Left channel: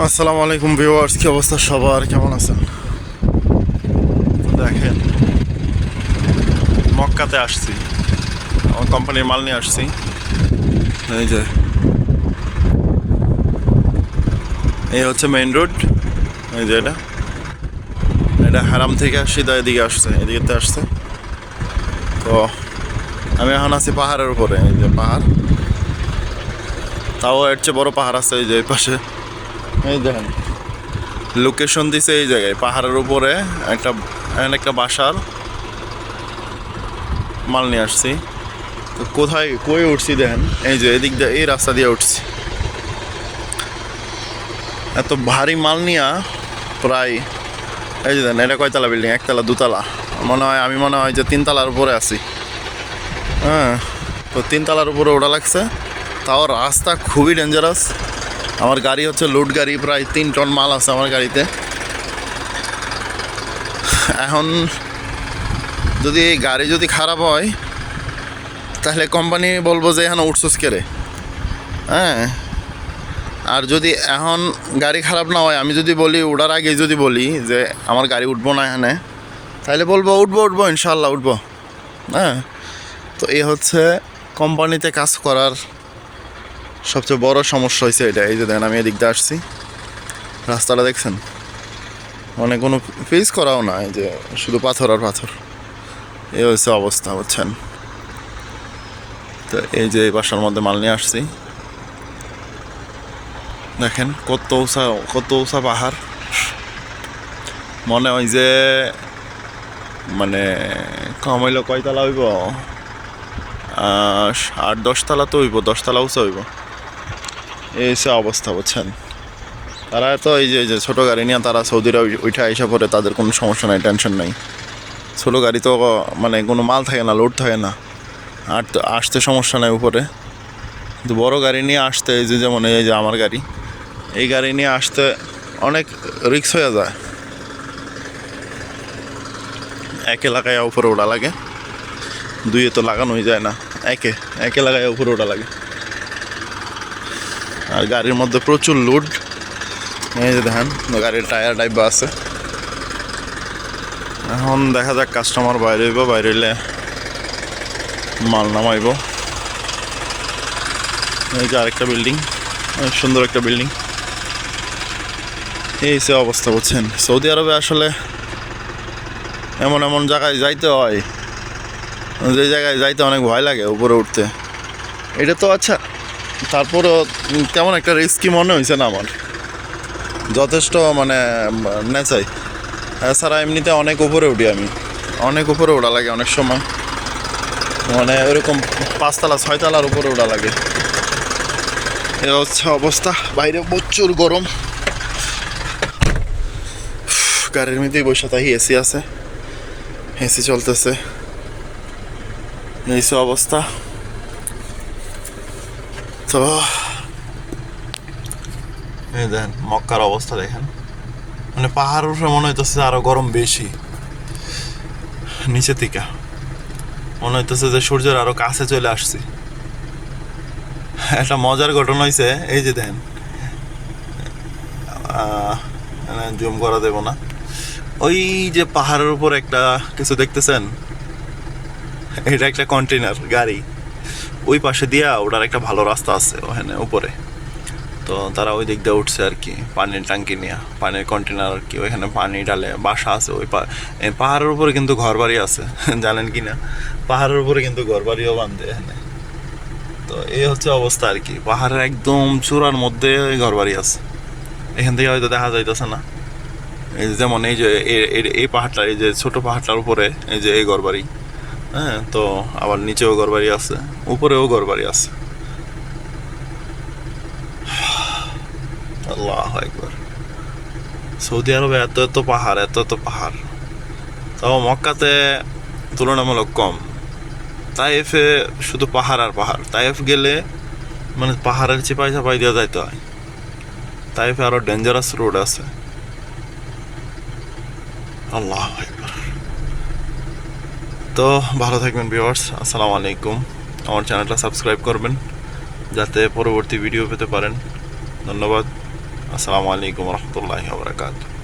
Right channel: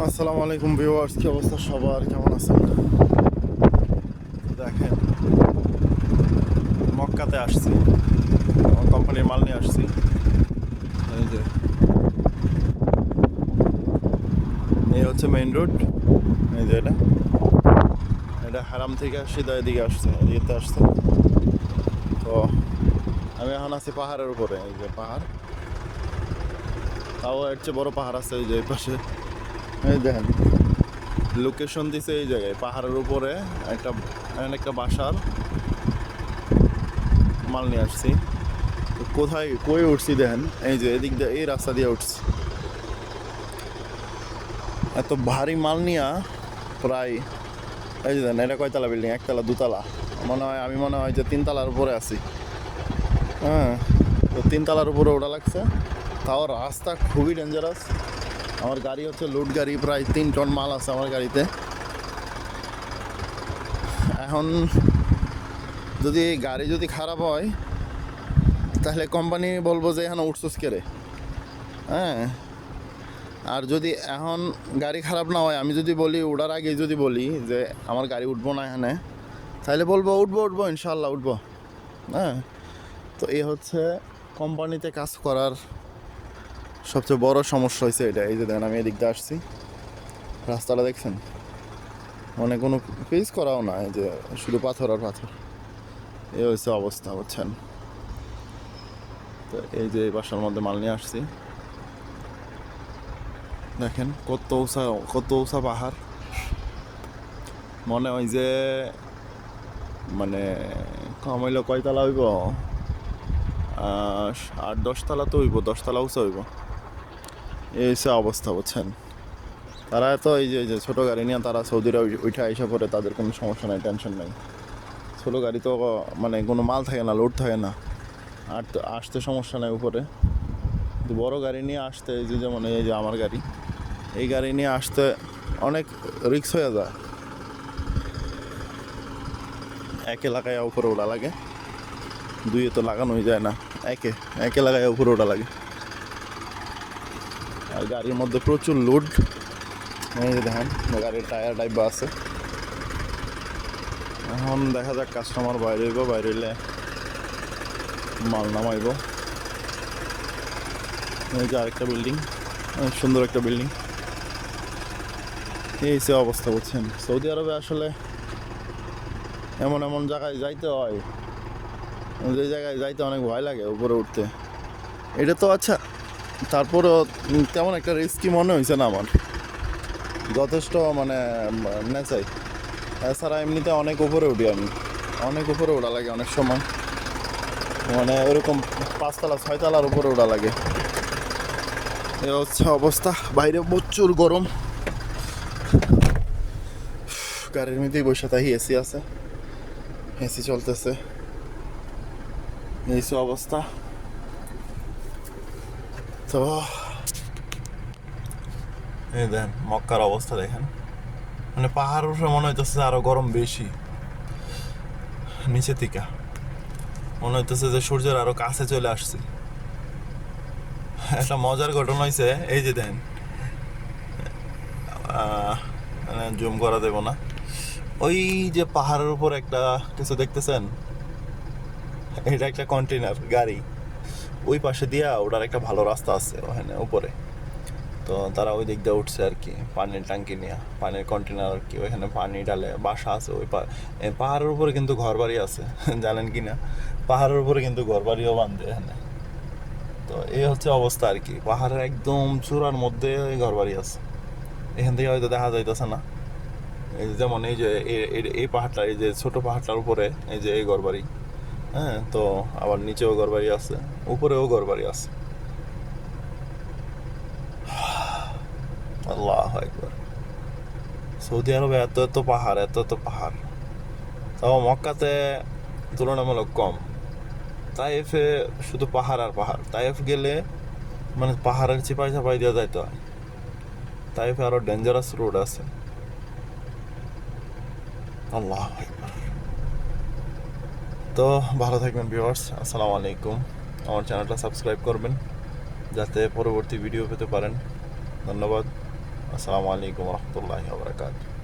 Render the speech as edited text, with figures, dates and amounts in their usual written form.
আসসালামু আলাইকুম ভিউয়ার্স, কি অবস্থা সবার, কেমন আছেন? দেখেন, মক্কাতে আসছি, আমার কোম্পানির মাল নিয়ে আসছি। এই যে এই হচ্ছে মেইন রোড। এই যে এটা এটা হারাম থেকে সিধা এদিকে আসছে, এদিকে আসছে। তো আমি এখন আছি পাহাড়ের উপরে। এই যে পাহাড়, তাও এর চেয়ে বড় পাহাড় আছে এই যে এই পাশে। এই দেখেন, লোকেশন দিছে এই জায়গায় পাহাড়ের উপরে একটা, এখানে একটা বাসার মাল নিয়ে আসছি। তো কোথায় কই উঠছি দেখেন, এই যে এদিক দিয়ে এই রাস্তা দিয়ে উঠছি। এত ভারী মাল নিয়া প্রায়, এই যে দেখেন এটা কয়তলা বিল্ডিং, একতলা দুতলা মনে হয়, আমি মনে হয় যে তিনতলার উপরে আছি। হ্যাঁ, তো তিনতলার উপরে ওঠা লাগছে, তাও রাস্তা খুবই ডেঞ্জারাস। আমার গাড়ি হচ্ছে লোড গাড়ি, প্রায় 3 টন মাল আছে আমার গাড়িতে। এখন যদি গাড়ি যদি খারাপ হয় তাহলে কোম্পানি বলবো যে এখানে উঠছোস কেরে। হ্যাঁ, আর যদি এখন গাড়ি খারাপ না হয়, আমি যদি বলি ওঠার আগে যদি বলি যে আমার গাড়ি উঠবো না এখানে, তাহলে বলবো উঠবো উঠবো ইনশাল্লাহ উঠবো। হ্যাঁ, তো এই হচ্ছে কোম্পানিতে কাজ করার সবচেয়ে বড় সমস্যা হয়েছে এটা। এই যে দেখেন আমি এদিক দিয়ে আসছি, রাস্তাটা দেখছেন, মানে কোনো ফেস করাও না, এই যে শুধু পাথর আর পাথর। এই হচ্ছে অবস্থা, বুঝছেন? তো এই যে এই বাসার মধ্যে মাল নিয়ে আসছি, দেখেন কত উঁচা পাহাড়। মনে হয় যে মানে কম হইলো কয়তলা হইব, 8-10 তলা তো হইব, 10 তলা উঁচা হইব। এই সে অবস্থা, বুঝছেন? তারা তো এই যে ছোটো গাড়ি নিয়ে তারা সৌদিরা উঠে আইসা পরে, তাদের কোনো সমস্যা নাই, টেনশন নাই। ছোটো গাড়ি তো মানে কোনো মাল থাকে না, লোড থাকে না, আর তো আসতে সমস্যা নাই উপরে। কিন্তু বড়ো গাড়ি নিয়ে আসতে, এই যে যেমন এই যে আমার গাড়ি, এই গাড়ি নিয়ে আসতে অনেক রিস্ক হয়ে যায়। একে লাগায় উপরে ওঠা লাগে, দুইয়ে তো লাগানোই যায় না, একে লাগায় উপরে ওঠা লাগে। আর গাড়ির মধ্যে প্রচুর লোড। এই যে দেখেন গাড়ির টায়ার ডাইবা আছে। এখন দেখা যাক, কাস্টমার বাইরে হইব, বাইরে হইলে মাল নামাইব। এই যে আরেকটা বিল্ডিং, অনেক সুন্দর একটা বিল্ডিং। এই সে অবস্থা, বুঝছেন? সৌদি আরবে আসলে এমন এমন জায়গায় যাইতে হয়, যে জায়গায় যাইতে অনেক ভয় লাগে উপরে উঠতে। এটা তো আচ্ছা, তারপরও কেমন একটা রিস্কি মনে হয়েছে না আমার, যথেষ্ট মানে নেচাই। এছাড়া এমনিতে অনেক উপরে উঠি আমি, অনেক উপরে ওঠা লাগে অনেক সময়, মানে ওরকম 5 তলা 6 তলার উপরে ওঠা লাগে। এ হচ্ছে অবস্থা, বাইরে প্রচুর গরম। গাড়ির মধ্যেই বসে থাকি, এসি আছে, এসি চলতেছে। এই অবস্থা। তো এই দেখেন মক্কার অবস্থা দেখেন, মানে পাহাড় উঠে মনে হইতেছে আরো গরম বেশি, নিচে থেকে মনে হইতেছে যে সূর্যের আরো কাছে চলে আসছে। একটা মজার ঘটনা হয়েছে, এই যে দেখেন, জুম করা দেব না, ওই যে পাহাড়ের উপর একটা কিছু দেখতেছেন, এটা একটা কন্টেনার গাড়ি, ওই পাশে দিয়া ওটার একটা ভালো রাস্তা আছে ওখানে উপরে। তো তারা ওই দিক দিয়ে উঠছে আর কি, পানির ট্যাঙ্কি নিয়ে, পানির কন্টেনার আর কি, ওইখানে পানি ডালে বাসা আছে। ওই পাহাড়ের উপরে কিন্তু ঘর বাড়ি আছে জানেন কি না? পাহাড়ের উপরে কিন্তু ঘর বাড়িও বাঁধে এখানে। তো এই হচ্ছে অবস্থা আর কি, পাহাড়ের একদম চূড়ার মধ্যে ঘর বাড়ি আছে। এখান থেকে হয়তো দেখা যাইতেছে না, এই যে যেমন এই যে এই পাহাড়টা, এই যে ছোট পাহাড়টার উপরে এই যে এই ঘর বাড়ি। হ্যাঁ, তো আবার নিচেও ঘর বাড়ি আছে, উপরেও ঘর বাড়ি আছে। আল্লাহু আকবার। সৌদি আরবে এত এত পাহাড়, এত এত পাহাড়, তাও মক্কাতে তুলনামূলক কম। তাইফে শুধু পাহাড় আর পাহাড়, তাইফ গেলে মানে পাহাড়ের চিপাই চাপাই দিয়ে যাইতে হয়। তাইফে আরো ডেঞ্জারাস রোড আছে। আল্লাহ আকবার। তো ভালো থাকবেন ভিউয়ার্স, আসসালামু আলাইকুম। আমার চ্যানেলটা সাবস্ক্রাইব করবেন যাতে পরবর্তী ভিডিও পেতে পারেন। ধন্যবাদ। আসসালামু আলাইকুম রহমতুল্লাহি ওয়া বারাকাতুহু।